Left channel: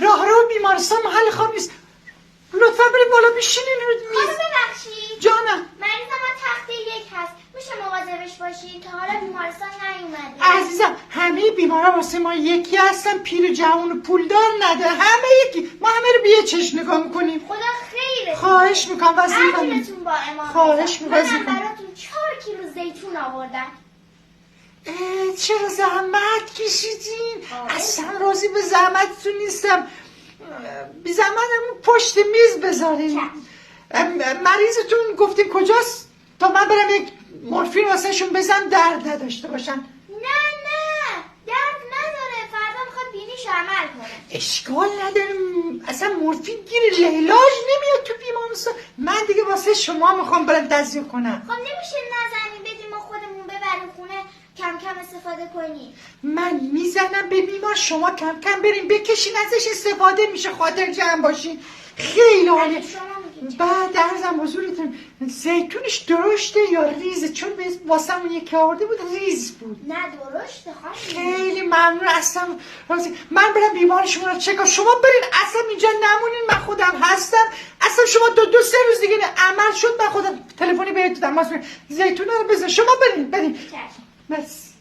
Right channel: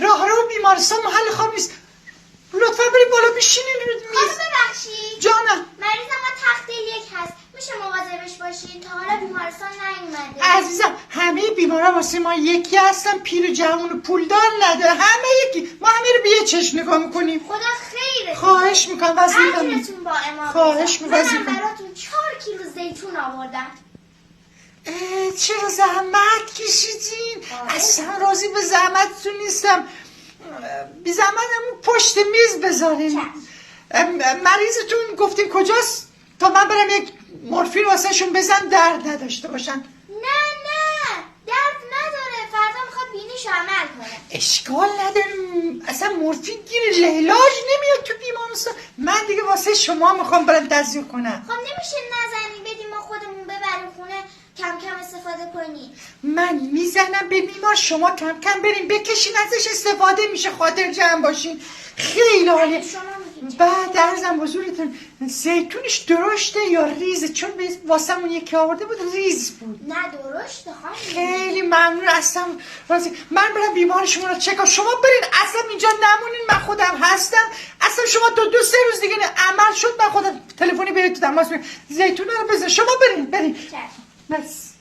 خانم راه بیمارستان محل خانم نیست، لطفا بریم بالا بشینین. خانم ببخشید جانم. مریضم با تخته 1 هست، میشه مواظبش باشید؟ تا حالا بیمارستان نیومده. عزیزم همه بیمارا واسه ما یکی هستن، پیر جوون و پولدار نده، همه یکی. ما همه رو بیه چشم نگاه میکنیم. خدا خیره. خواهش میکنم وظیفه اجرتون با امام. خواهش میکنم من براتون 4 کیلو زیتون آوردم. چرا زحمت کشیدین؟ اصلا راضی به زحمتتون نیستم. بی زحمت همون پشت میز بذارین. مریضتون گفتین کجاست تا من برم یک مورفین واسه شون بزن درد نداشته باشن؟ نه درد نداره، فردا میخواد بینیش عمل کنه. اشکال ندارم، اصلا مورفین گیر لیلاج نمیاد تو بیمارستان. من دیگه واسه شما میخوام برم تزریق کنم. خب نمیشه نزنیم بدیم ما خودمون ببریم خونه کم کم استفاده کنیم؟ من میزنم به بیمار، شما کم کم بریم بکشین ازش استفاده میشه، خاطر جمع باشین. خیلی عالیه. بعد عرضم حضورتون زیتونش درشته یا ریزه؟ چون واسه اون یکی آورده بود ریز بود. نه درشته خانم. خیلی ممنون، اصلا راضی. من برم بیمار شما رو چکا، شما برین اصلا اینجا نمونین، من خودم هستم. اصلا شما دو سه روز دیگه عمل شد من خودم تلفنی بهتون تماس میگیرم. زیتون رو بزن، شما برین. بس